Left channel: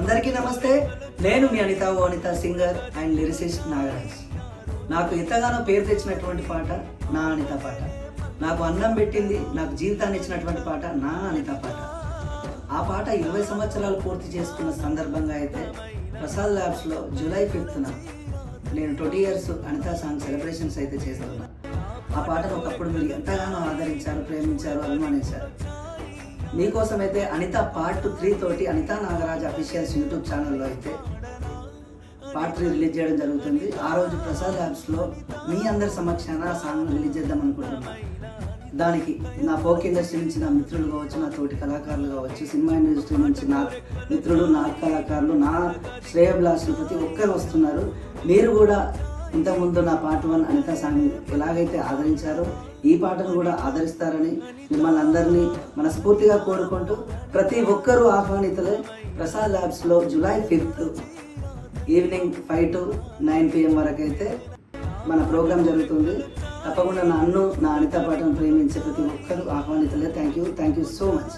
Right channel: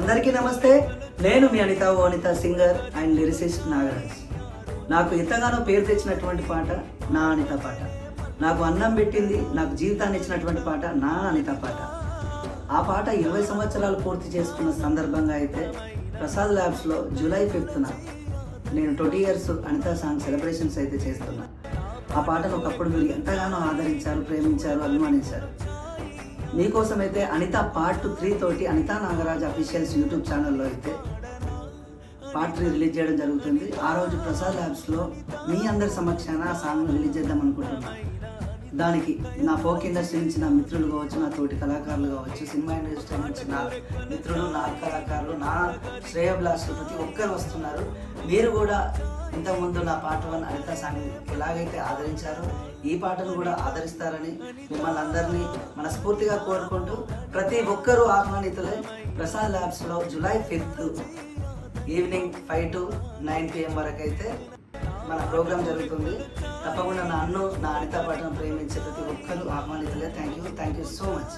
అందరికీ నమస్తే. నేను మీ Anitha singer and lyricist Nagaraj. నాకు ఎంతగానో పేరు తెచ్చినటువంటి పాట నా అనిత పాట. నాకు అన్నం పెట్టింది, నాకు జీవితాన్ని ఇచ్చినటువంటి పాట నా అనిత పాట. ఆ పాట 20 సంవత్సరాలు పూర్తి చేసుకున్న సందర్భంగా అయితే ప్రసాద్ ల్యాబ్స్లో జూలై 5న నేను 20 ఇయర్స్ అనిత సాంగ్ సెలబ్రేషన్స్ అయితే చేస్తున్నా. ఆ పాటను ఒకప్పుడు మీరు ఎంతగానో ఆదరించారు, ప్రేమించారు, అభిమానించారు. మీకోసం అయితే అనిత పార్ట్ 3 తోటి అనితా నాగరాజ్ అఫీషియల్స్ యూట్యూబ్ ఛానల్లో అయితే పార్ట్ 3 రిలీజ్ చేయడం జరుగుతుంది. ఆ రోజు ప్రసాద్ ల్యాబ్స్లో మీ అందరి సమక్షాన ఆ సాంగ్ను రిలీజ్ చేద్దాం అనుకుంటున్నాను. దానికి నా ఫోక్ ఇండస్ట్రీ నుంచి నా మిత్రులు కావచ్చు, నా తోటి కళాకారులు కావచ్చు, సినిమా ఇండస్ట్రీ నుంచి నా మిత్రులు, నా కళాకారులు, నా శ్రేయభిలాషులు ప్రతి ఒక్కరు వస్తున్నారు. మీరు కూడా ఇంతకుముందు నా పార్ట్ 1 అనిత సాంగ్ ఎలాగైతే ఆదరించారో ఈ పాటను కూడా ఆదరిస్తారని మిమ్మల్ని అందరినీ మనస్ఫూర్తిగా కోరుకుంటూ ప్రతి ఒక్కరూ ఆహ్వానితులే. ప్రసాద్ ల్యాబ్స్లో జూలై 5 ఈవినింగ్ 5 to 9 PM వరకు అయితే మన ప్రోగ్రాం జరుగుతుంది. తప్పకుండా నన్ను, నా అనిత పాటను ప్రేమించే ప్రతి ఒక్కరూ ఆహ్వానితులే. Thank you so much.